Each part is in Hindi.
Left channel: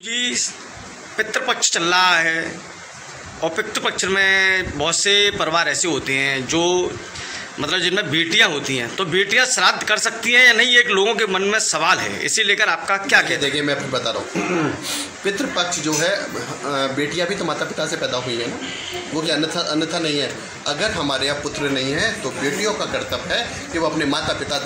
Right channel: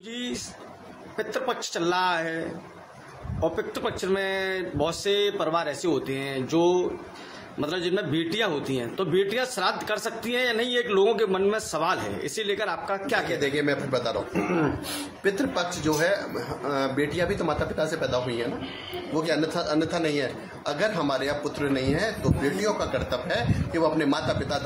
जी पितृपक्ष चल रहा है और पितृपक्ष में बहुत से परिवार ऐसे होते हैं जो मतलब जिनमें बेटियां होती हैं, तो बेटियां श्राद्ध कर सकती हैं या नहीं, एक लोगों के मन में सवाल है। इसी लेकर आपका क्या कहते हैं? देखिए मैं आपको बता रहा हूँ, पितृपक्ष जो है बेटियां भी तो माता पिता से पैदा हुई है ना, वो कि अन्यथा नहीं है। अगर हमारे यहाँ पुत्र नहीं है तो बेटियों का कर्तव्य है कि वो अपने माता पिता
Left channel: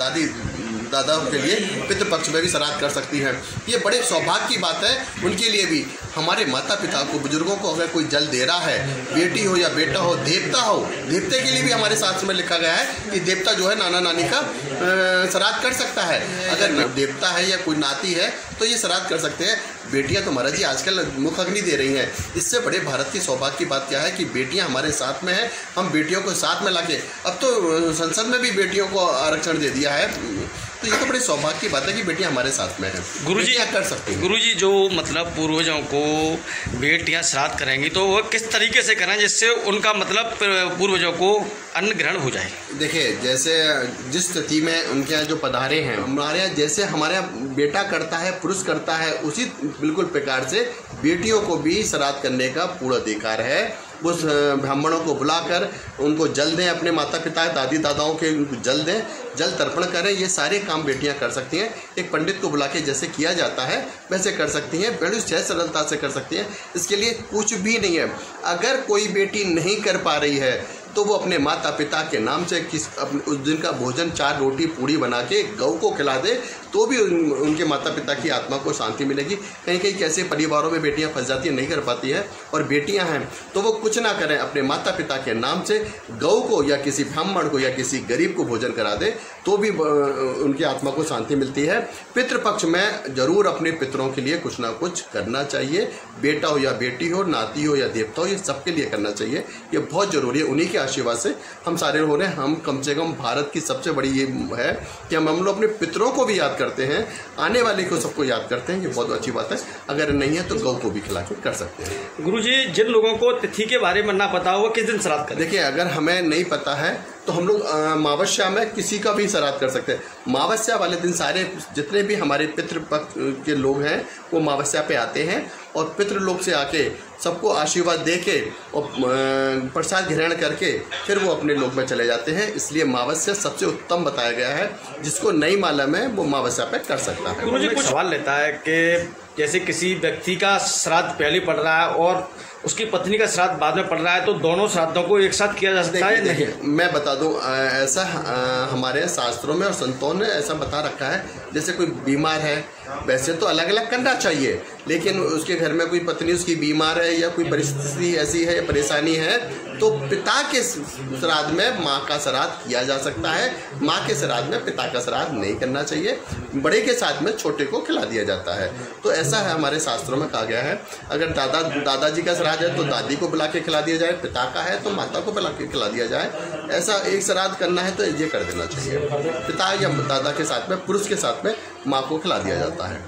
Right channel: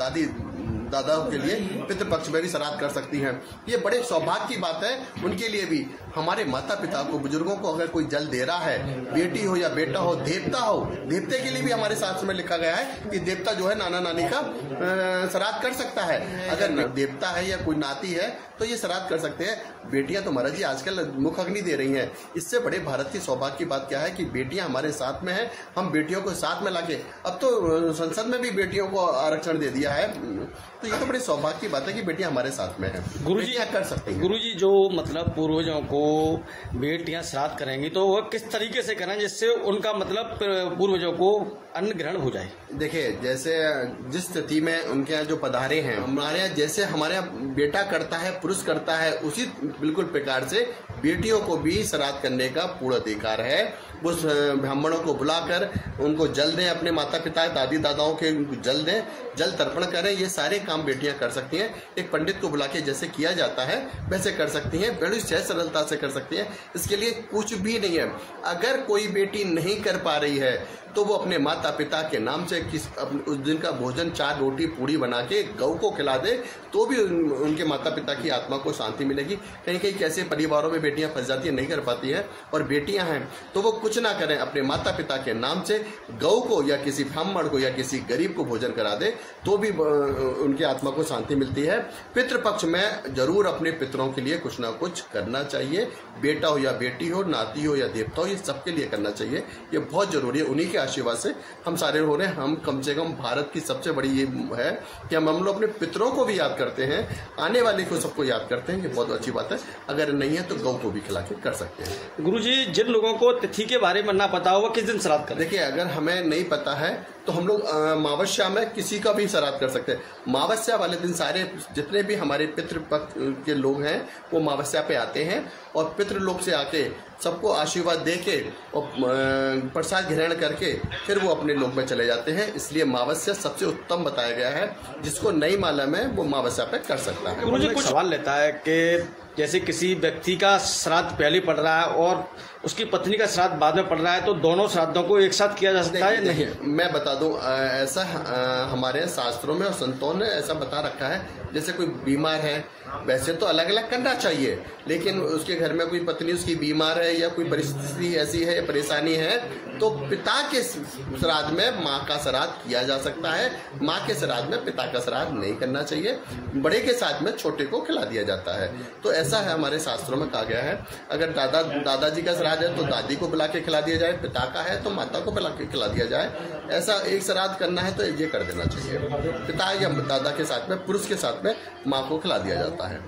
दादाओं के लिए पितृपक्ष में भी श्राद्ध कर सकती हैं। ये बड़े सौभाग्य की बात है उनके लिए भी। हमारे माता पिता को, बुजुर्गों को अगर कोई जल दे रहा है, बेटी हो या बेटा हो, देवते के लिए भी हमारे शास्त्र में लिखा गया है कि देवता जो है नाना नानी का श्राद्ध कर सकता है। अगर देवता है या कोई नाती है तो ये श्राद्ध कर सकते हैं। बेटियां तो महाराज जी आजकल मुख अग्नि दे रही हैं। इससे बड़े भारत की सौभाग्य की बात क्या है कि बेटियां हमारे साथ में हैं। हम बेटियों को साथ में लाके, अब तो संसद में भी बेटियों को आरक्षण दे दिया है, तो ये तो बड़ी सौभाग्य की बात है कि बेटियां हमारे साथ में हैं। गुरुजी क्या कर सकते हैं? गुरुजी जो मतलब पूर्वजों को बेटियां श्राद्ध करेंगी तो वो किस तरीके से करें जिससे उनका मतलब पूर्वजों को अन्न ग्रहण हो जाए? देखिए जैसे जिस स्थिति में उनके यहाँ जो पधारे हैं, हमारे यहाँ जैसे हमारे यहाँ बेटा करता है, पुरुष करता है, उसी बिल्कुल प्रकार से बेटियों को भी श्राद्ध करने का पूरा अधिकार है। उस ब्राह्मणों को बुलाकर उनको जल दें, अपने माता पिता दादी दादाओं के उनको जल दें, जल तर्पण करें। ये सारे काम बेटियां कर सकती हैं। एक पंडित को बुला के जैसे किया जाता है वैसे कर सकती हैं, बड़ी सहज सरलता से कर सकती हैं। इसके लिए कुछ भी नहीं है। अगर कोई बेटी नहीं कर पा रही है तो वो अपने माता पिता के नाम से उस दिन का भोजन 4 रोटी पूड़ी बना के गौ को खिला दे तो भी उनके माता पिता की आत्मा को शांति मिलेगी। कहीं कहीं कैसे परिवारों में बेटियां फंस जाती हैं, नहीं कर पाती हैं, और बेटियां हैं तो वो कुछ ना करें, अपने माता पिता के नाम से गौ को या किसी ब्राह्मण को या किसी गरीब को भोजन करा दे तो भी उनकी आत्मा को शांति मिलती है। पितृपक्ष में जरूर अपने पितरों के लिए कुछ ना कुछ करना चाहिए। बेटा हो या बेटी हो, नाती हो या देवता हो, ये सबके लिए करना चाहिए। ये बहुत जरूरी है। उन्हीं के आशीर्वाद से हम सारे हो रहे हैं। हम कम से कम भारत की सबसे बड़ी ये है कि हम लोग अपने पितरों को भी याद करते हैं, आने वाले को सबको याद करते हैं। ये बहुत अच्छी बात है। अगर नहीं है तो गौ को भी खिला के कर सकते हैं। गुरुजी जिन लोगों को तिथि के बारे में ना पता हो वो किस दिन श्राद्ध करें? देखिए अगर हमें नहीं पता है तो हम लोग अमावस्या में किसी का भी श्राद्ध कर सकते हैं। अमावस्या वाले दिन सारे जितने भी हमारे पितृपक्ष के लोग हैं वो अमावस्या पे आते हैं और पितृलोक से आके सबको आशीर्वाद दे के और प्रसाद ग्रहण करके फिर वो अपने लोक में चले जाते हैं। इसलिए अमावस्या सबसे उत्तम बताया गया है। जिसको नहीं मालूम है वो अमावस्या पे कर सकता है। मुझे कुछ सवाल लेता है कि जैसे किसी व्यक्ति का श्राद्ध पहले पड़ रहा है और उसकी पत्नी का श्राद्ध बाद में पड़ रहा है, तो दोनों श्राद्धों को एक साथ किया जा सकता है? नहीं, मैं बता दूं, ऐसा हमारे शास्त्रों में और संतों ने ऐसा बता रखा है। जैसे कोई बीमार है, वैसे तो अलग अलग करना चाहिए, लेकिन उसके घर में कोई पत्नी उसकी बीमार है या कोई परिस्थिति ऐसी है, परेशानी है, तो पिता के श्राद्ध में माँ का श्राद्ध किया जा सकता है। माँ के श्राद्ध में पिता का श्राद्ध नहीं करना चाहिए। बड़े के साथ में छोटे को खिला दिया जाता है। तो ऐसा है हमारे शास्त्रों में कहा गया है। अगर दादाजी का श्राद्ध है तो दादी को बुला के खिला दिया जाए, पिता का है तो माता को बुला के खिला दिया जाए। ऐसा एक श्राद्ध करना है तो ये कर देना चाहिए। पिता या दादा के साथ में, पुरुष के साथ में माँ को खिला दिया जाता है।